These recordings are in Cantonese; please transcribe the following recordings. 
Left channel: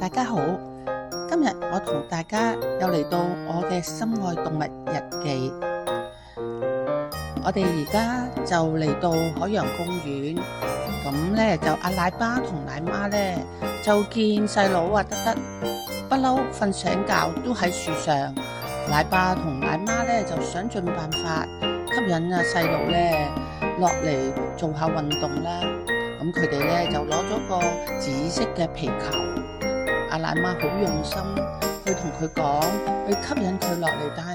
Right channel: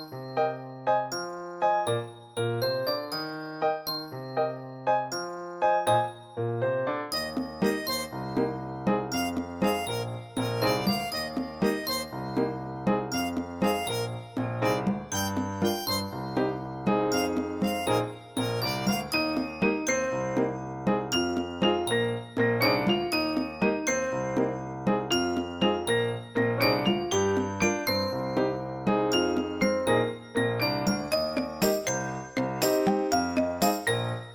大家好，今日我同大家又嚟到我嘅心愛動物日記。我哋而家就嚟到海洋公園，咁咧就阿奶爸同奶媽咧就見細佬德德不嬲瞓醒覺都喺樹上，奶爸同奶媽咧就想盡辦法吸引細佬咧落嚟做下運動啦。咁佢哋咧就攞咗個紫色嘅皮球。阿奶媽好用心去同佢講，去吸引佢落嚟，但係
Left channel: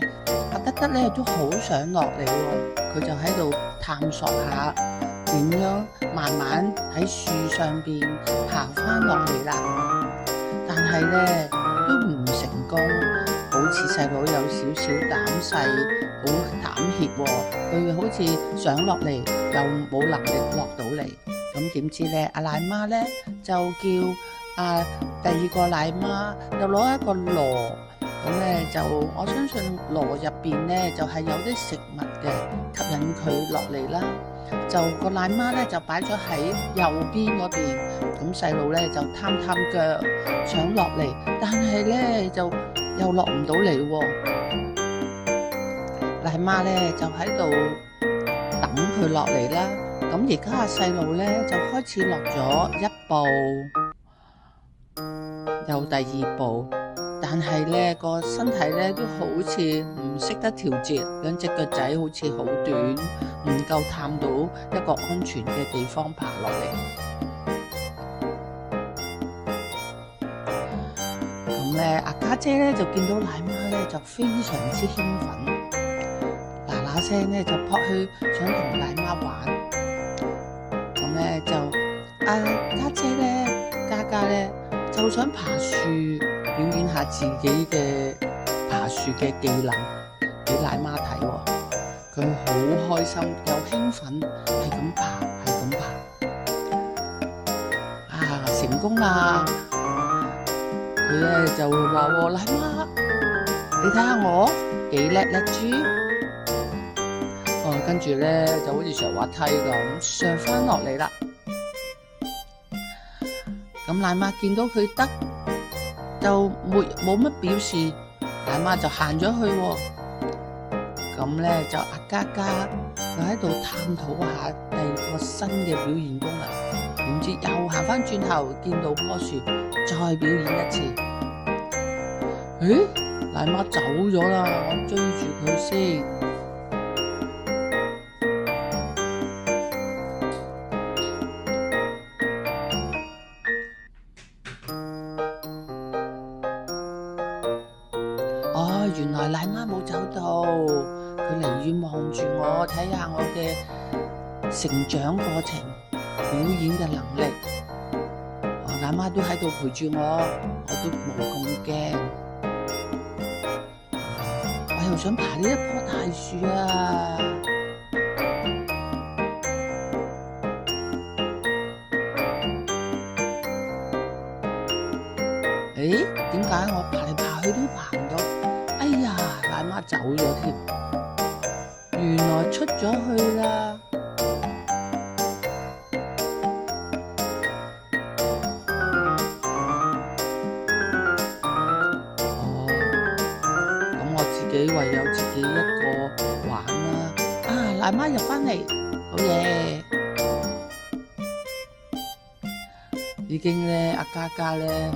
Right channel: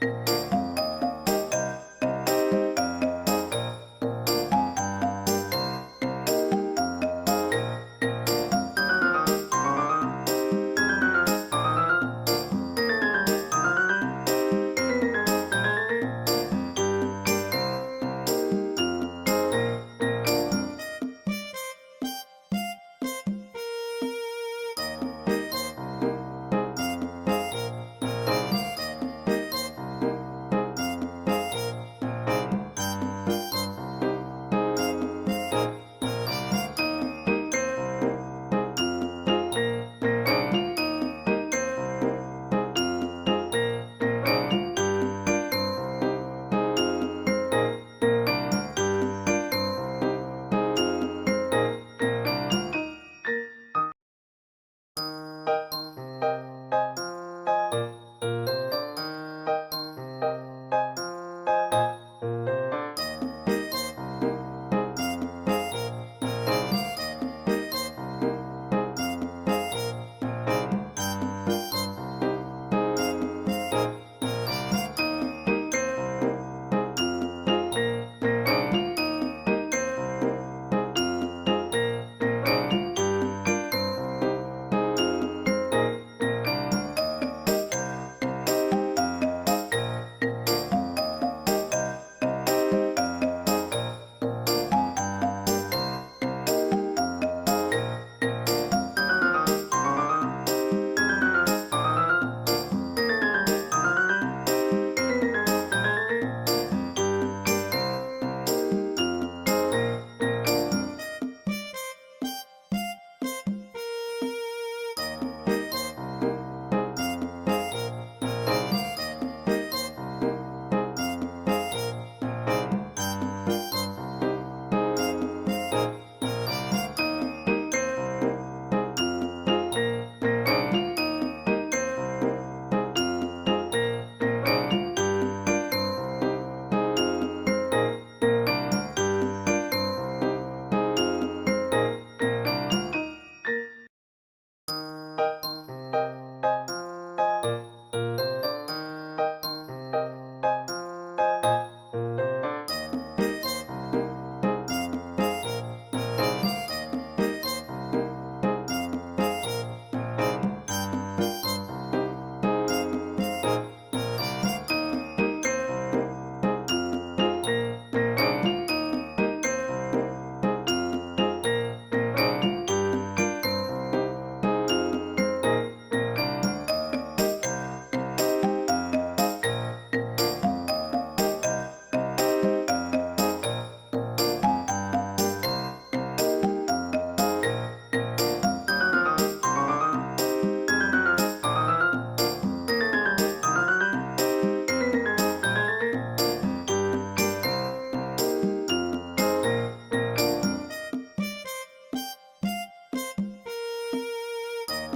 阿德德咧都好想落嚟喎。佢就喺度探索下點樣慢慢喺樹上邊行翻落嚟啦。但係咧都唔成功，好似細佬有少少膽細，好膽怯喎。佢好似想落嚟又冇能力落到嚟。咁點知咧，阿奶媽咧就叫第二個奶媽就攞一個籮，咁咧就我相信籮入邊咧就係有啲食物嘅，吸引佢落嚟啦。就個奶媽咧就擺咗喺右邊嗰邊，咁細路咧就探腳想落嚟，但係咧就又落唔到嚟喎。奶媽咧就喺度等佢落嚟啦。咁而家阿細路咧就開始落咗一步，又第二步，但係咧個身體咧都好似唔識得調節，兩隻腳仔好似好短，唔夠探到一個安全嘅地方爬落嚟。咁咧阿家姐咧就見到奶媽咧就非常之興奮，嗱聲咧就撲去想同奶媽玩。咁咧就阿家姐咧嘉咧就想爬樹，表演下自己嘅爬樹嘅技能俾奶媽睇喎。佢好開心又興奮，係咁爬，成功啦！佢咧就話喎，奶媽，你睇下我幾叻豬！跟住咧就好似上滑梯咁上翻落嚟啦。咁奶媽見到佢得，就冇乜表示，奶媽就行咗去喎。咁咧就阿嘉又喺度探討下第二個新嘅表現功能，點知又行翻轉頭見到棵樹，再表演一次。誒，奶媽走咗啦，我追住佢先。原來奶媽冇走到，佢離遠望住我，睇下我嘅成長過程、表演嘅能力。奶媽都喺度陪住我，我都冇咁驚。我又想爬呢一棵大樹啊！誒，點解我爬嚟爬去都爬唔到？哎呀，奶媽走咗添，原來出咗去啦。咁我自己唯有自己一個玩啦。奶媽入返嚟，好嘢！已經咧，阿嘉咧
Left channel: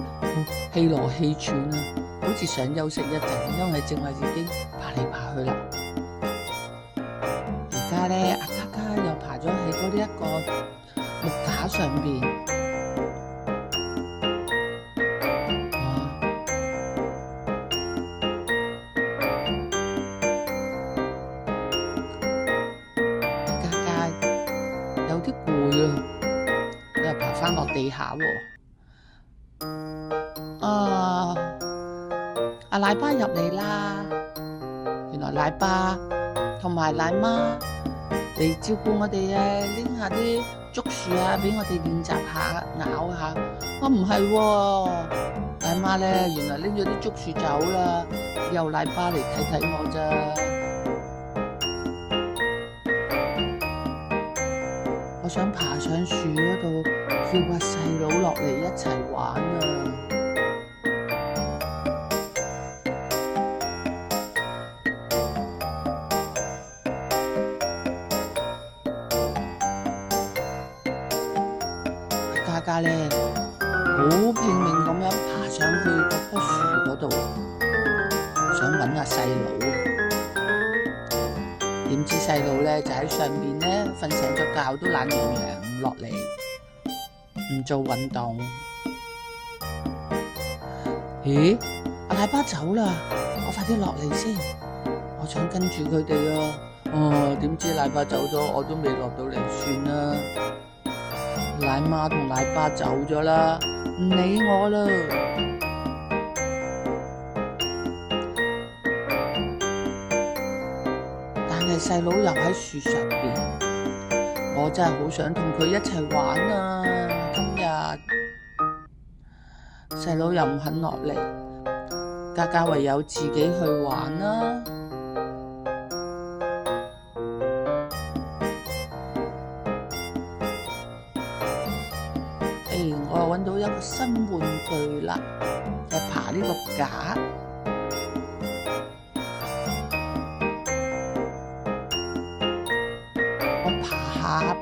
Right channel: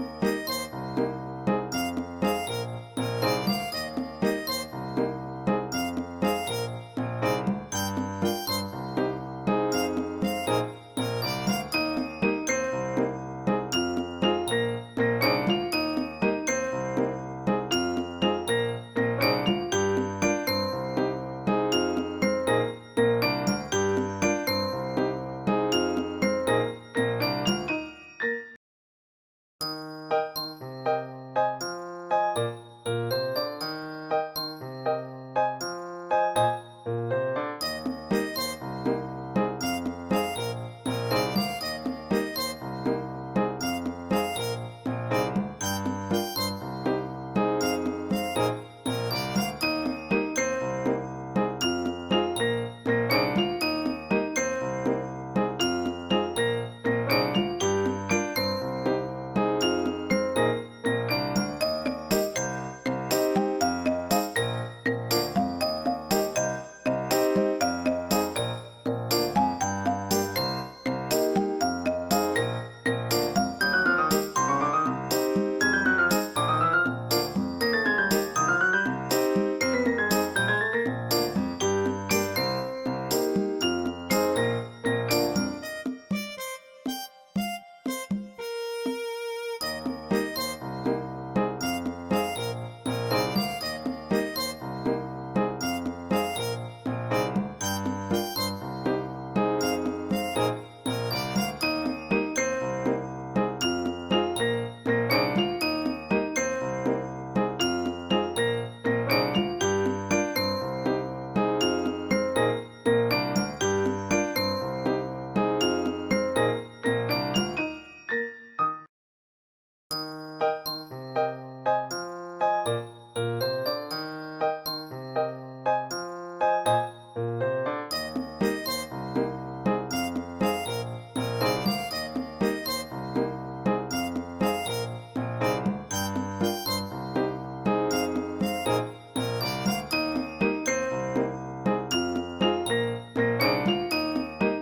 氣羅氣喘啦，好似想休息一陣，因為正話已經爬嚟爬去啦。而家咧，阿嘉又爬咗喺嗰呢一個木架上邊。嘉有啲攰啊，又爬翻落地下喎。阿奶爸入嚟啦！原來奶爸同埋奶媽嚟照顧我哋啊，拎下啲竹樹啊，俾我哋練習下咬下。我唔係喎，奶媽咧原來拎咗啲竹樹走啦，由奶爸嚟睇我咋。我想爬上樹嗰度，叫阿細佬落嚟一齊玩啊！嘉咧好拼命咁樣爬上去嗰棵樹嗰度，想揾下細佬。點知細佬咧就喺上邊咧瞓醒咗覺，都懶洋洋唔落嚟，唔做運動。咦？阿奶爸走啦，我快啲落嚟先，我想跟住佢哋啊！點知奶爸走咗，我都未落到嚟，算啦。奶媽同奶爸走咗啦，唔理我啦。但係細佬又喺樹上邊，我真係好想同佢一齊玩啊！今日細佬又唔肯落嚟，嘉嘉唯有自己去玩啦。我又揾到一個新玩具啦，就爬呢個架。我爬下，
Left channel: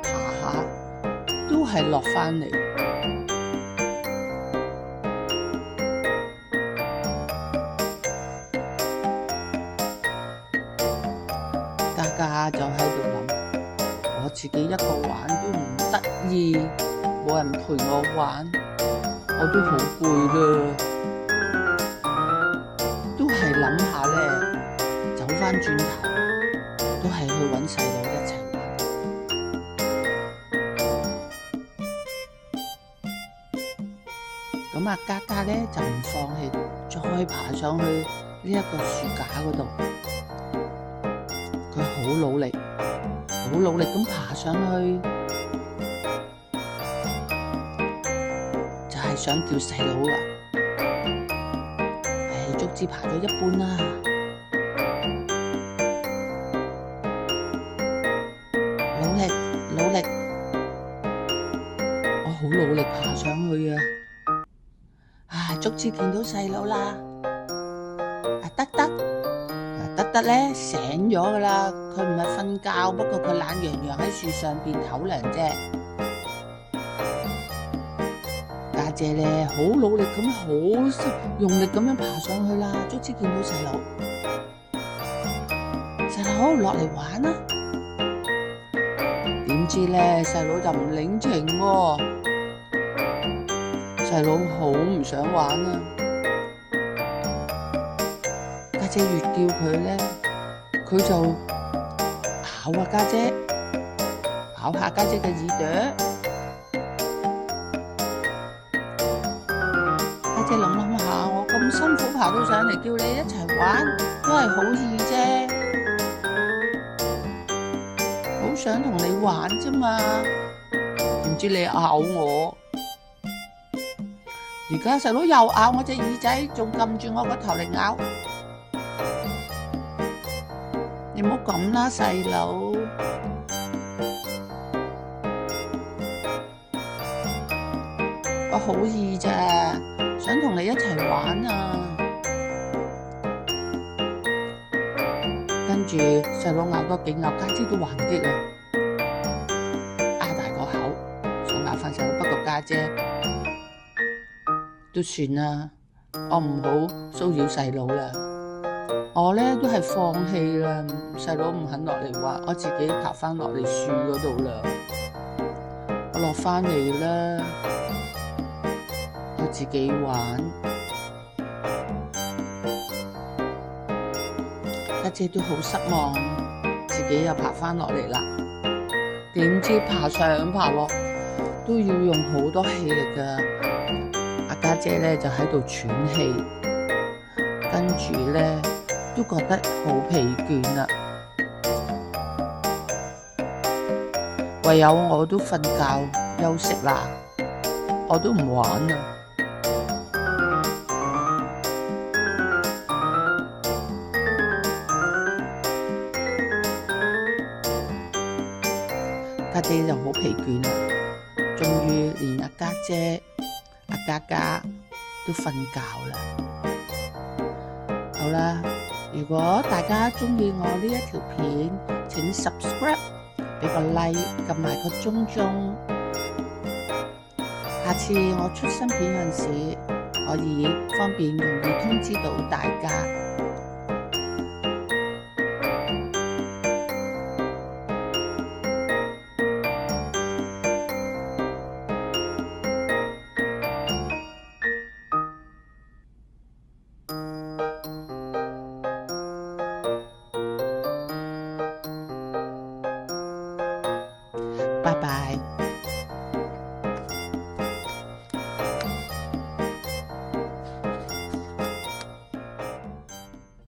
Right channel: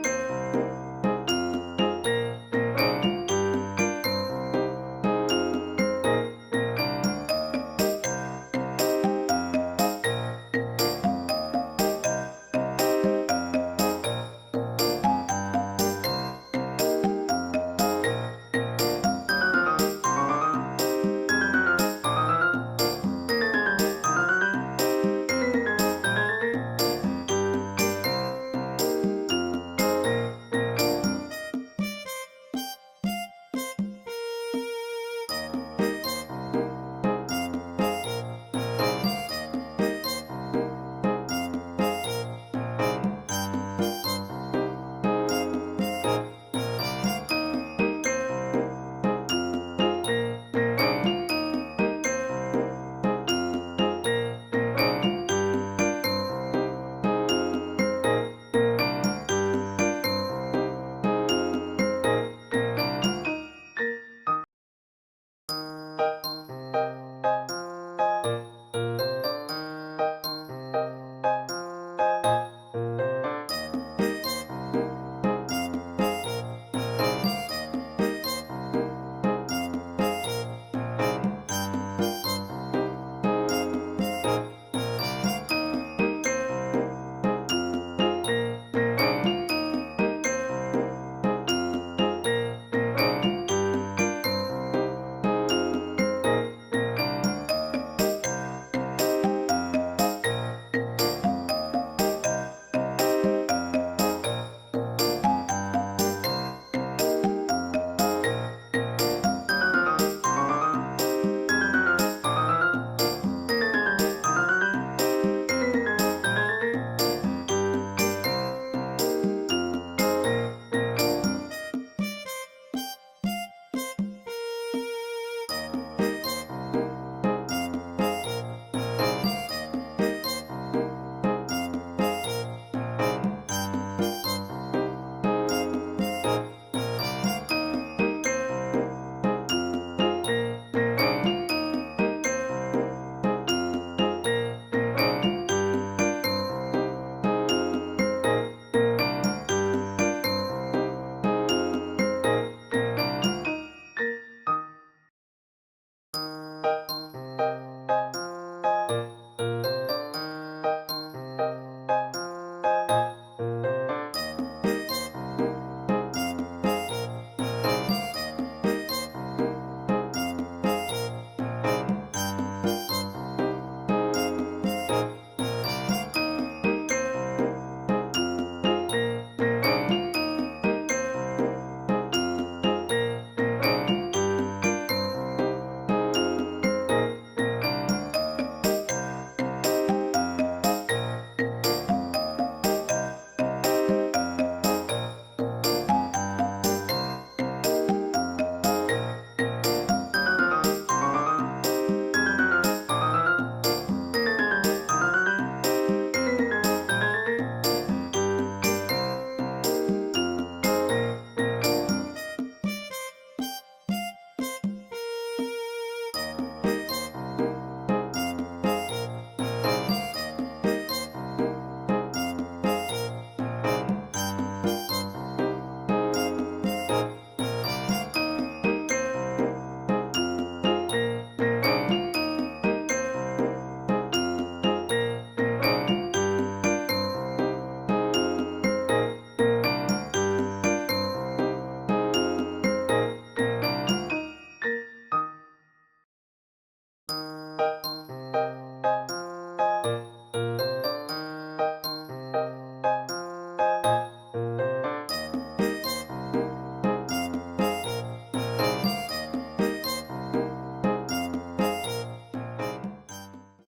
都係落返嚟。嘉嘉就喺度諗，我自己一個玩都唔得意，冇人陪我玩，我都好攰啦。都係諗下咧，走返轉頭，都係去揾細佬一齊玩。咁啊，嘉嘉咧就唔放棄，再爬上去呢一個樹架嗰度。佢好努力咁爬上去。想叫細佬啦，足之爬咗一半啦，努力，我好努力爬上去啊！足之見到細佬啦，得咧醒咗噶啦，佢唔係瞓覺，不過佢懶洋洋喺樹上邊唞涼啫。家姐咧好努力咁，好用力咁樣爬上去啦，卒之見到細佬落嚟玩啦。點知咧細佬就唔領情喎，細佬好唔想玩啊。家姐越叫佢咧，佢就咬啊家姐，咬下家姐嘅耳朵。家姐諗下，我咁辛苦爬到上嚟，叫你一齊玩，都係好易啫，好想同你玩啫嘛，唔知你咬我，而家細佬又咬我隻耳仔，仲撳住我個頭嚟咬，你唔好咁啦，細佬，我好易咋。想同你一齊玩啊！跟住細佬咬多幾咬，家姐都還擊啊！擘大個口想咬翻細佬，不過家姐都算啦，我唔好騷擾細佬啦。我咧都係放棄啦，細佬唔肯落嚟玩，我自己爬翻落嚟樹嗰度啦。我落翻嚟啦。自己玩，家姐都好失望，自己又爬翻落嚟啦。點知爬上爬落都要用好多氣力噶，阿家姐咧就喺度喘氣，跟住咧都覺得好疲倦啦，唯有我都瞓覺休息啦，我都唔玩啦。家姐就好疲倦啦，終於連阿家姐、阿嘉嘉都瞓覺啦。好啦，如果大家鍾意我呢一條片，請 subscribe，俾個 like，撳埋個鐘鐘，下次我出新片嗰陣時，可以方便容易通知到大家。拜拜。